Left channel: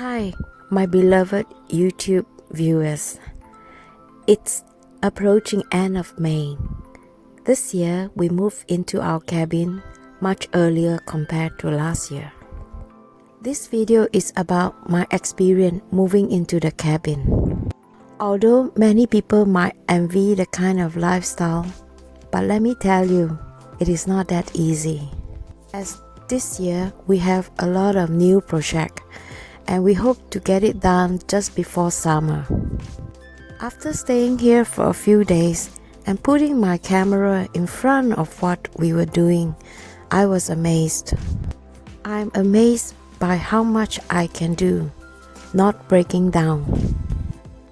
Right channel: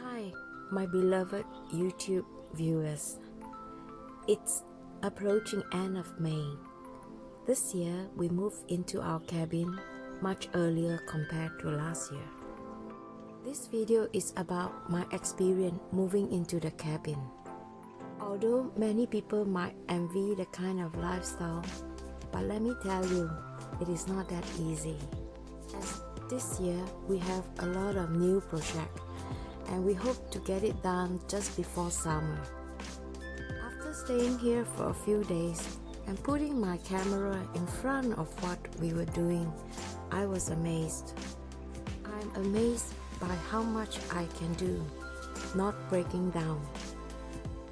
Hi, my beloved YouTube viewers. It's approaching end of May. This year, we moved into our cabin much earlier compared to last year. This video is about my experience moving into the cabin. Although many people might envy the kind of lifestyle, but let me tell you, it is not that easy. As this year, we have a lot of new projects and we hope to get it done just before summer. After staying here for a few days and putting my camera in front of what we were doing, I was amazed. I'm amazed by how much I can do, not breaking down.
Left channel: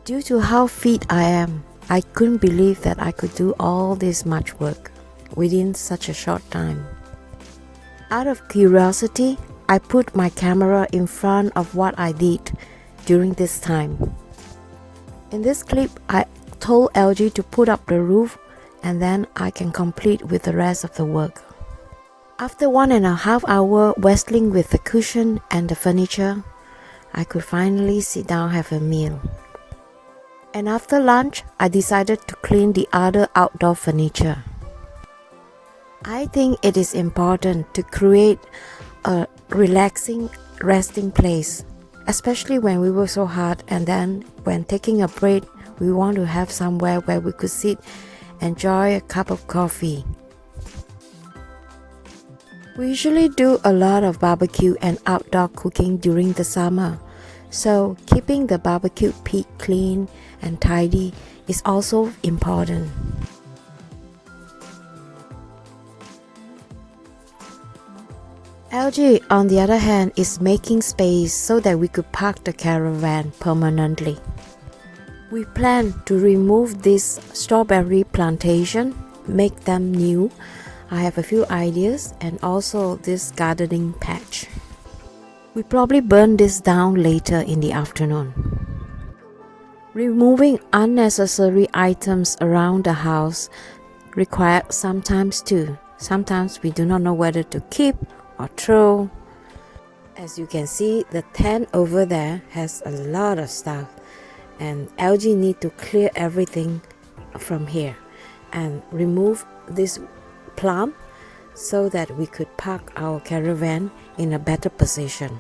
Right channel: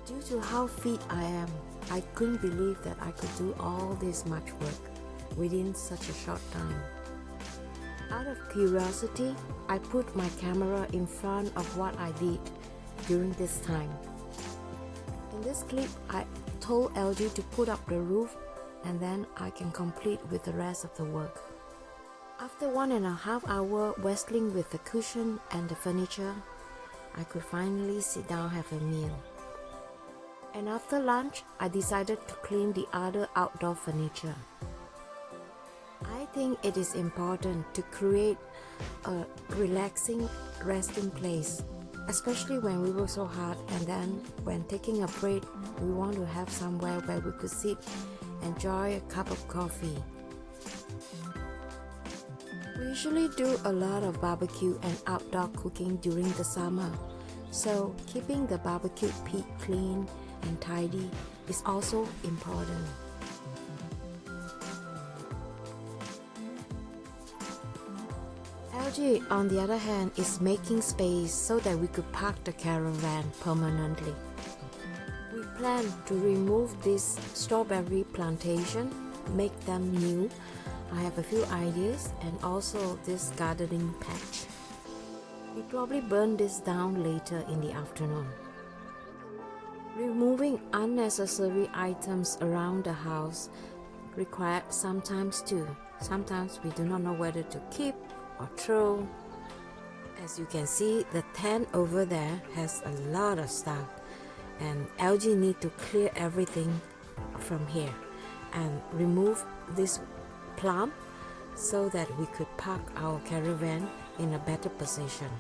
Due to how fit I am, I couldn't believe that I could do all this much work within such a short time. Out of curiosity, I put my camera in front of what I did during this time. In this clip, I told LG to put up the roof and then I can complete with the rest of the work. After 1.5 hours wrestling with the cushion and the furniture, I could finally sit down and have a meal. And after lunch, I decided to clean the other outdoor furniture. I think it is important to create a relaxing resting place, especially when we work so hard, and then when taking a break, we want to have somewhere where we could sit, enjoy a cup of coffee. We usually do a lot of barbecue and outdoor cooking during the summer, so keeping the barbecue pit clean and tidy is also important. LG, on the other hand, is making space so that we could park the caravan permanently. We plan to remove this strawberry plantation, make them new. I have a few ideas, and also this gardening patch. We probably burn this down later in the afternoon. Removing unnecessary items around the house requires some time too. Sometimes we do not know whether to keep or throw. As you can see, the tent over there has a lot of stuff, and LG need to clear everything from here and remove this plant so that we could park our caravan in a better position.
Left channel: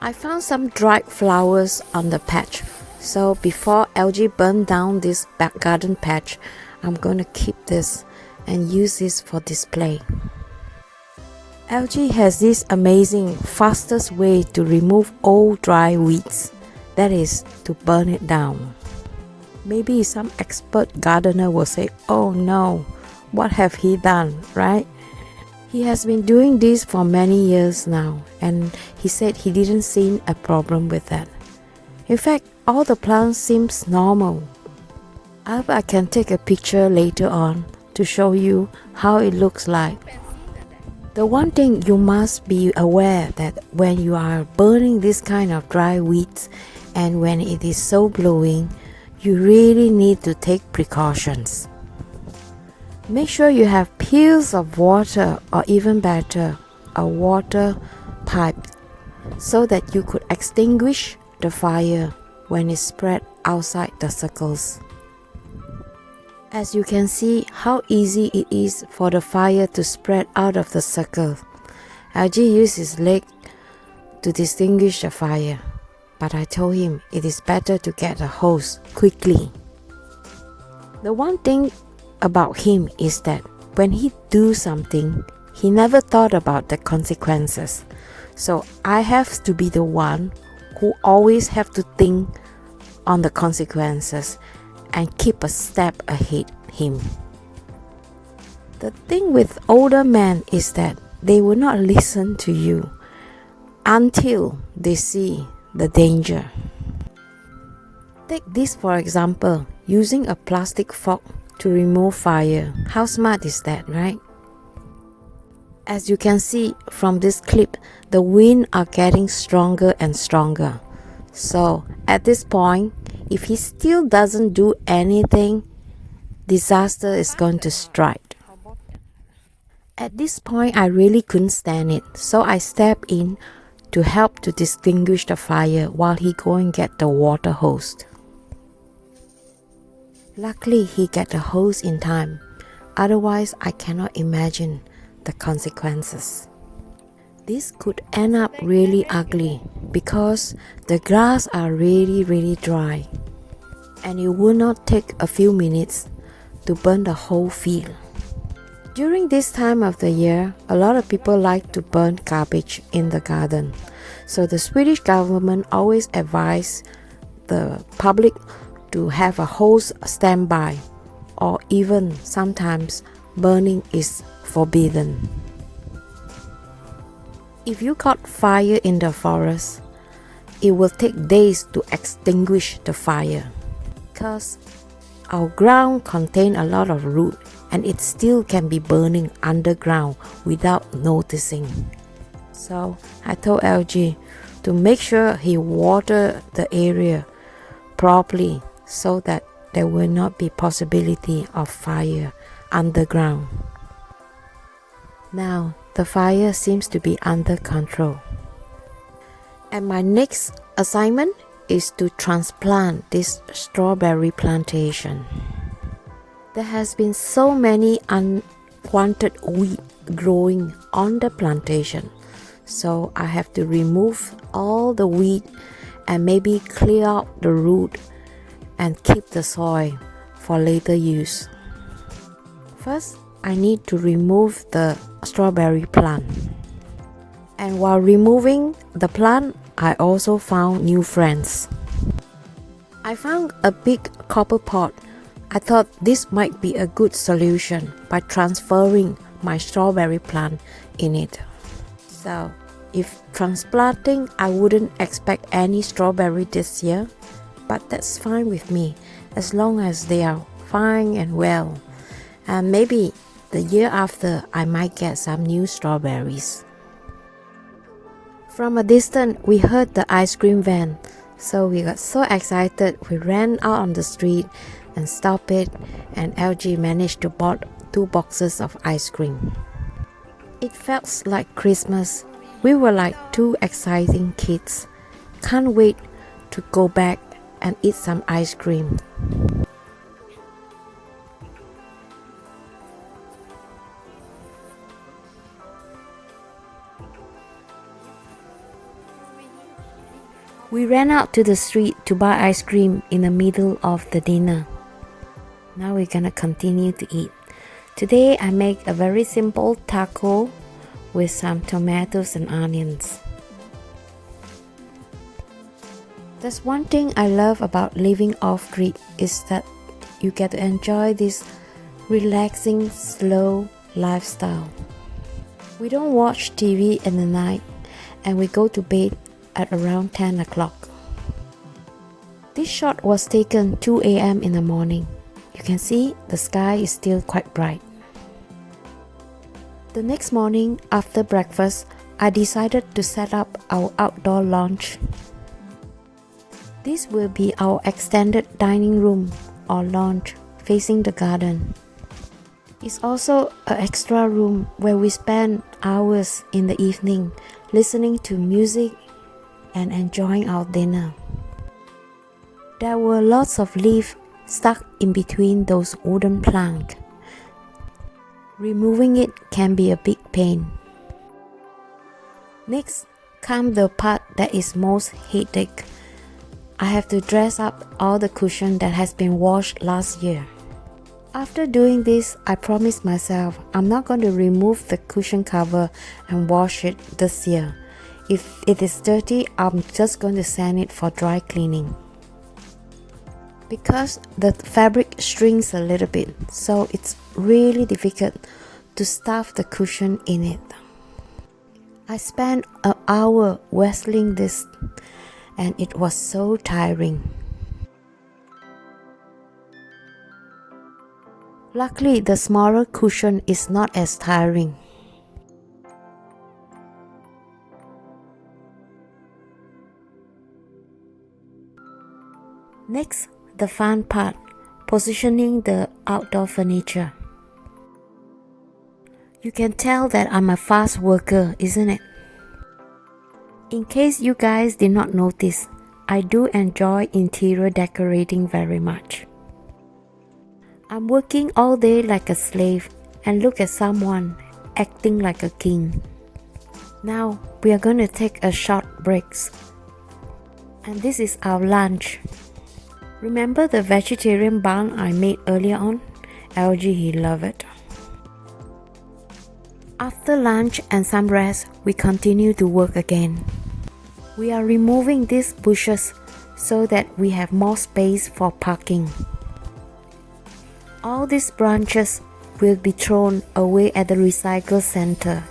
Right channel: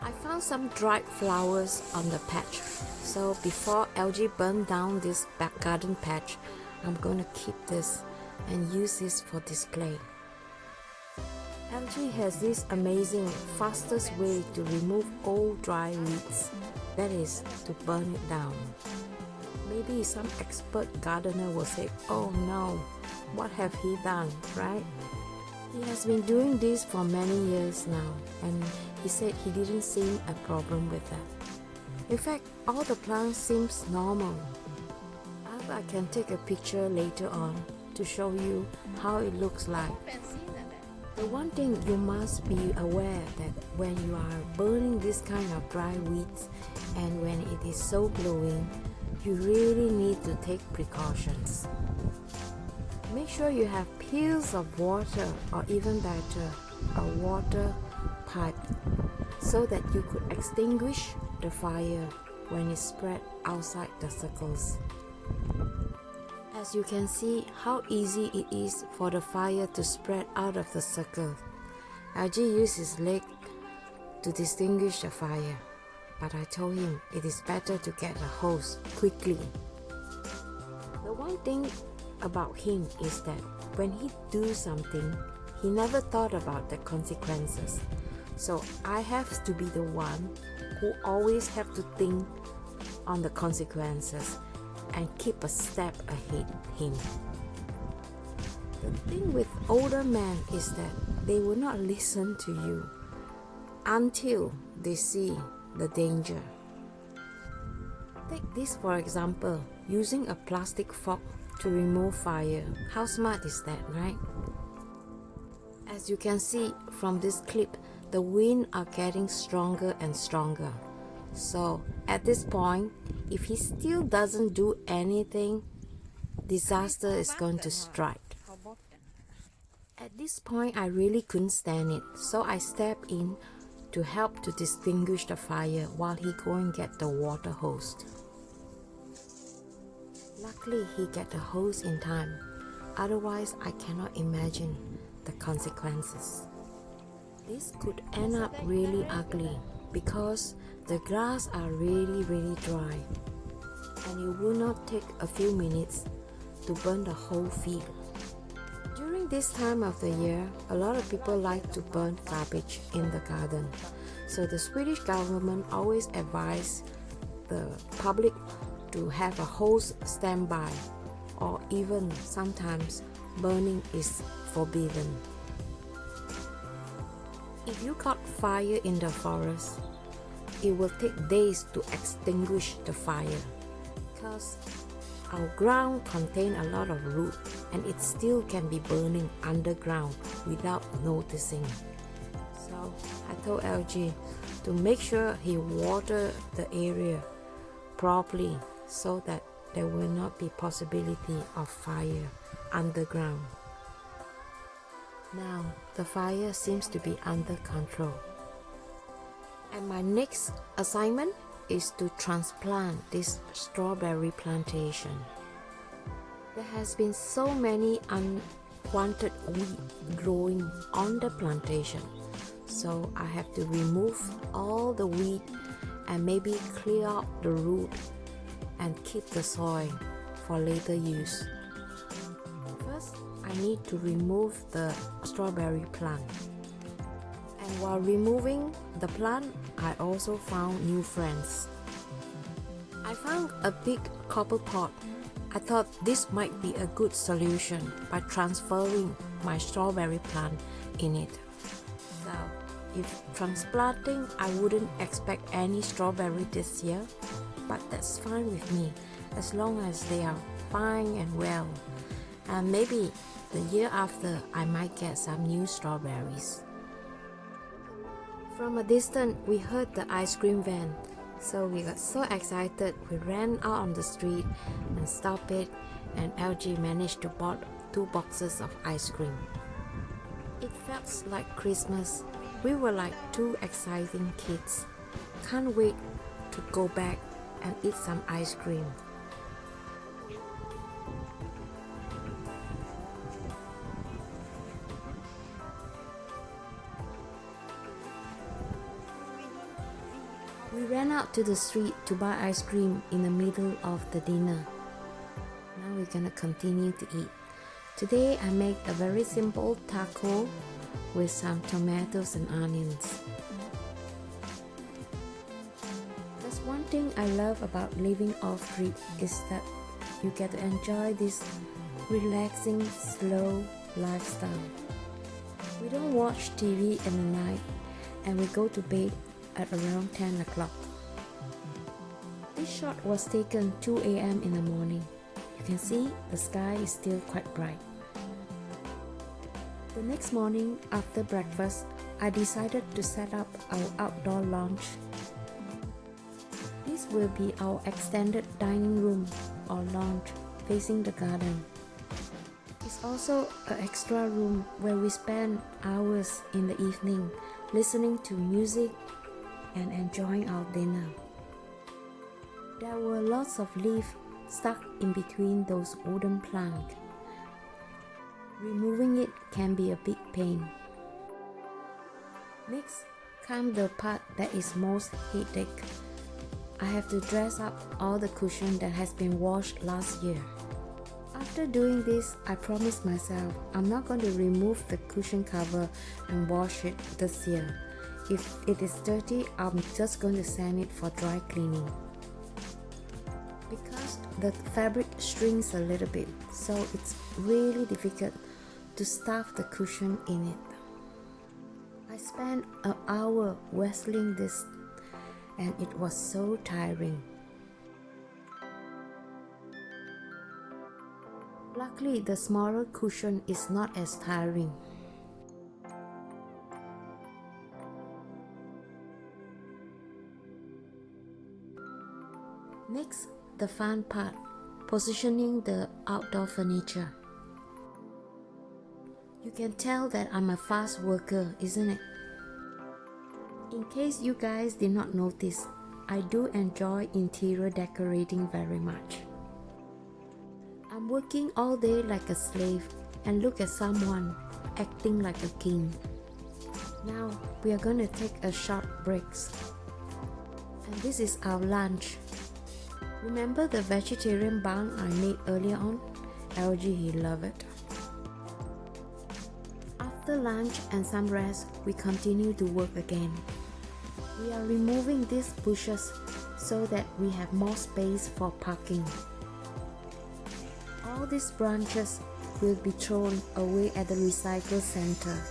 I found some dried flowers on the patch, so before LG burn down this back garden patch, I'm going to keep this and use this for display. LG has this amazing fastest way to remove old dry weeds, that is to burn it down. Maybe some expert gardener will say, oh no, what have he done, right? He has been doing this for many years now, and he said he didn't see a problem with that. In fact, all the plants seems normal. I can take a picture later on to show you how it looks like. The one thing you must be aware that when you are burning this kind of dry weeds and when it is so blowing, you really need to take precautions. Make sure you have pills of water, or even better, a water pipe, so that you could extinguish the fire when it spread outside the circles. As you can see how easy it is for the fire to spread out of the circle. LG used his leg to distinguish the fire, but I told him it is better to get a hose quickly. The one thing about him is that when he do something, he never thought about the consequences. So I have to be the one who always have to think on the consequences and keep a step ahead him. The thing with older men is that they will not listen to you until they see the danger. Take this for example, using a plastic fork to remove fire. How smart is that, right? As you can see from this clip, the wind are getting stronger and stronger. So at this point, if he still doesn't do anything, disaster is going to strike. At this point, I really couldn't stand it, so I stepped in to help to distinguish the fire while he go and get the water hose. Luckily, he get the hose in time. Otherwise, I cannot imagine the consequences. This could end up really ugly because the grass are really dry, and it will not take a few minutes to burn the whole field. During this time of the year, a lot of people like to burn garbage in the garden. So the Swedish government always advise the public to have a hose standby, or even sometimes burning is forbidden. If you got fire in the forest, it will take days to extinguish the fire because our ground contains a lot of root and it still can be burning underground without noticing. So I told LG to make sure he water the area properly so that there will not be possibility of fire underground. Now the fire seems to be under control. And my next assignment is to transplant this strawberry plantation. There has been so many unwanted weeds growing on the plantation, so I have to remove all the weed and maybe clear out the root and keep the soil for later use. First, I need to remove the strawberry plant. And while removing the plant, I also found new friends. I found a big copper pot. I thought this might be a good solution by transferring my strawberry plant in it. So, if transplanting, I wouldn't expect any strawberry this year, but that's fine with me as long as they are fine and well. And maybe the year after, I might get some new strawberries. From a distance, we heard the ice cream van, so we got so excited we ran out on the street and stopped it, and LG managed to bought 2 boxes of ice cream. It felt like Christmas. We were like 2 exciting kids. Can't wait to go back and eat some ice cream. We ran out to the street to buy ice cream in the middle of the dinner. Now we're gonna continue to eat. Today I make a very simple taco with some tomatoes and onions. There's one thing I love about living off-grid is that you get to enjoy this relaxing, slow lifestyle. We don't watch TV in the night and we go to bed at around 10 o'clock. This shot was taken 2 a.m. in the morning. You can see the sky is still quite bright. The next morning after breakfast, I decided to set up our outdoor lounge. This will be our extended dining room or lounge facing the garden. It's also an extra room where we spend hours in the evening listening to music and enjoying our dinner. There were lots of leaves stuck in between those wooden planks. Removing it can be a big pain. Next comes the part that is most headache. I have to dress up all the cushion that has been washed last year. After doing this, I promised myself I'm not going to remove the cushion cover and wash it this year. If it is dirty, I'm just going to send it for dry cleaning. Because the fabric shrinks a little bit, so it's really difficult to stuff the cushion in it. I spent an hour wrestling this and it was so tiring. Luckily, the smaller cushion is not as tiring. Next, the fun part, positioning the outdoor furniture. You can tell that I'm a fast worker, isn't it? In case you guys did not notice, I do enjoy interior decorating very much. I'm working all day like a slave and look at someone acting like a king. Now we are gonna take a short break. And this is our lunch. Remember the vegetarian bun I made earlier on? LG, he loved it. After lunch and some rest, we continue to work again. We are removing these bushes so that we have more space for parking. All these branches will be thrown away at the recycle center.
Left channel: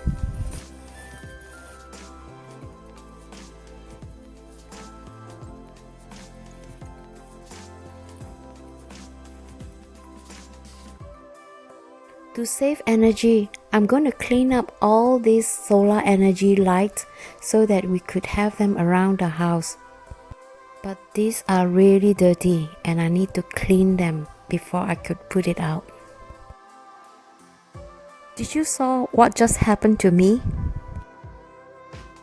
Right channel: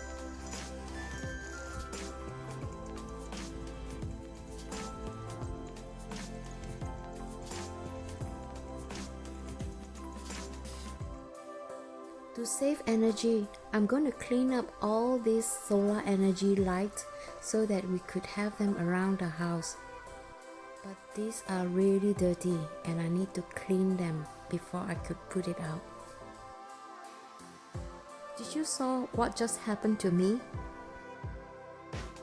To save energy, I'm going to clean up all these solar energy lights so that we could have them around the house. But these are really dirty and I need to clean them before I could put it out. Did you saw what just happened to me?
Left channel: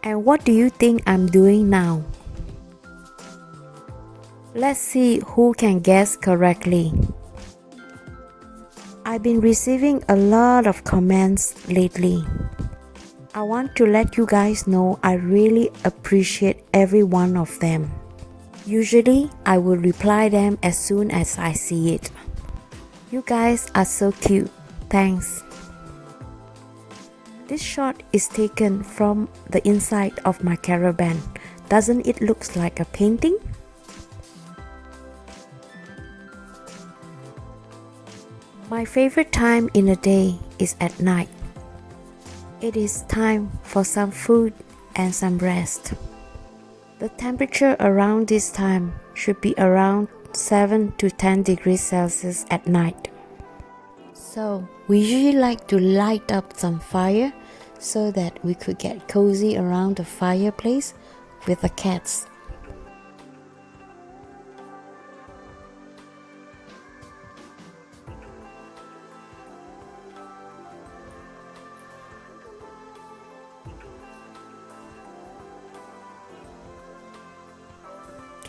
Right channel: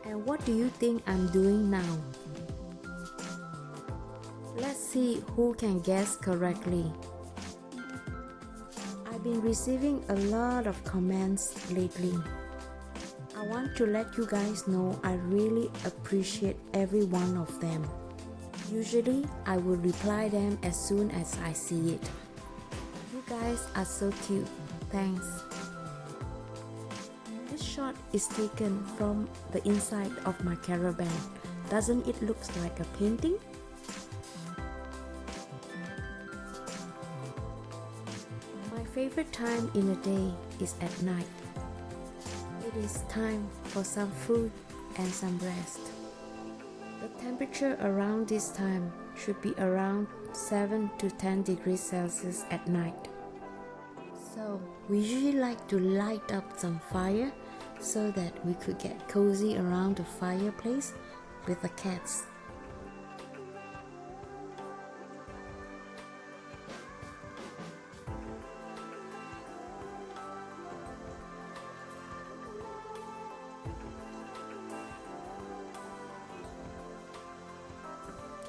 And what do you think I'm doing now? Let's see who can guess correctly. I've been receiving a lot of comments lately. I want to let you guys know I really appreciate every one of them. Usually, I will reply them as soon as I see it. You guys are so cute. Thanks. This shot is taken from the inside of my caravan. Doesn't it look like a painting? My favorite time in the day is at night. It is time for some food and some rest. The temperature around this time should be around 7 to 10 degrees Celsius at night. So we usually like to light up some fire so that we could get cozy around the fireplace with the cats.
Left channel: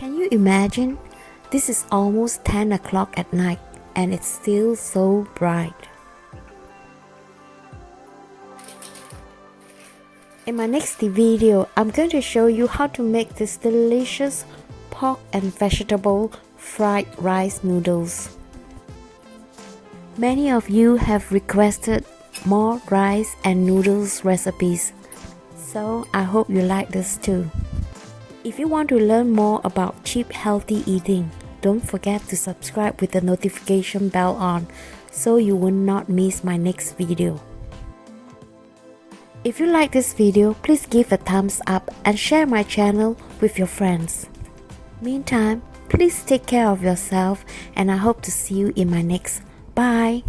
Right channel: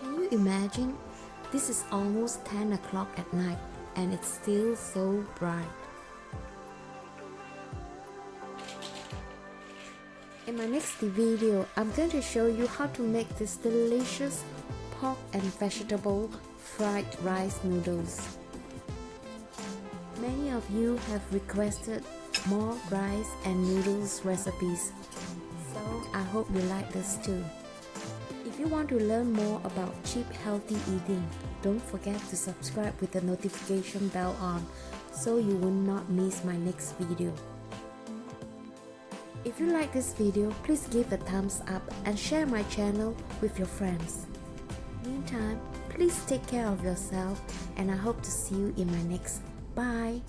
Can you imagine? This is almost 10 o'clock at night and it's still so bright. In my next video, I'm going to show you how to make this delicious pork and vegetable fried rice noodles. Many of you have requested more rice and noodles recipes, so I hope you like this too. If you want to learn more about cheap healthy eating, don't forget to subscribe with the notification bell on so you will not miss my next video. If you like this video, please give a thumbs up and share my channel with your friends. Meantime, please take care of yourself and I hope to see you in my next. Bye!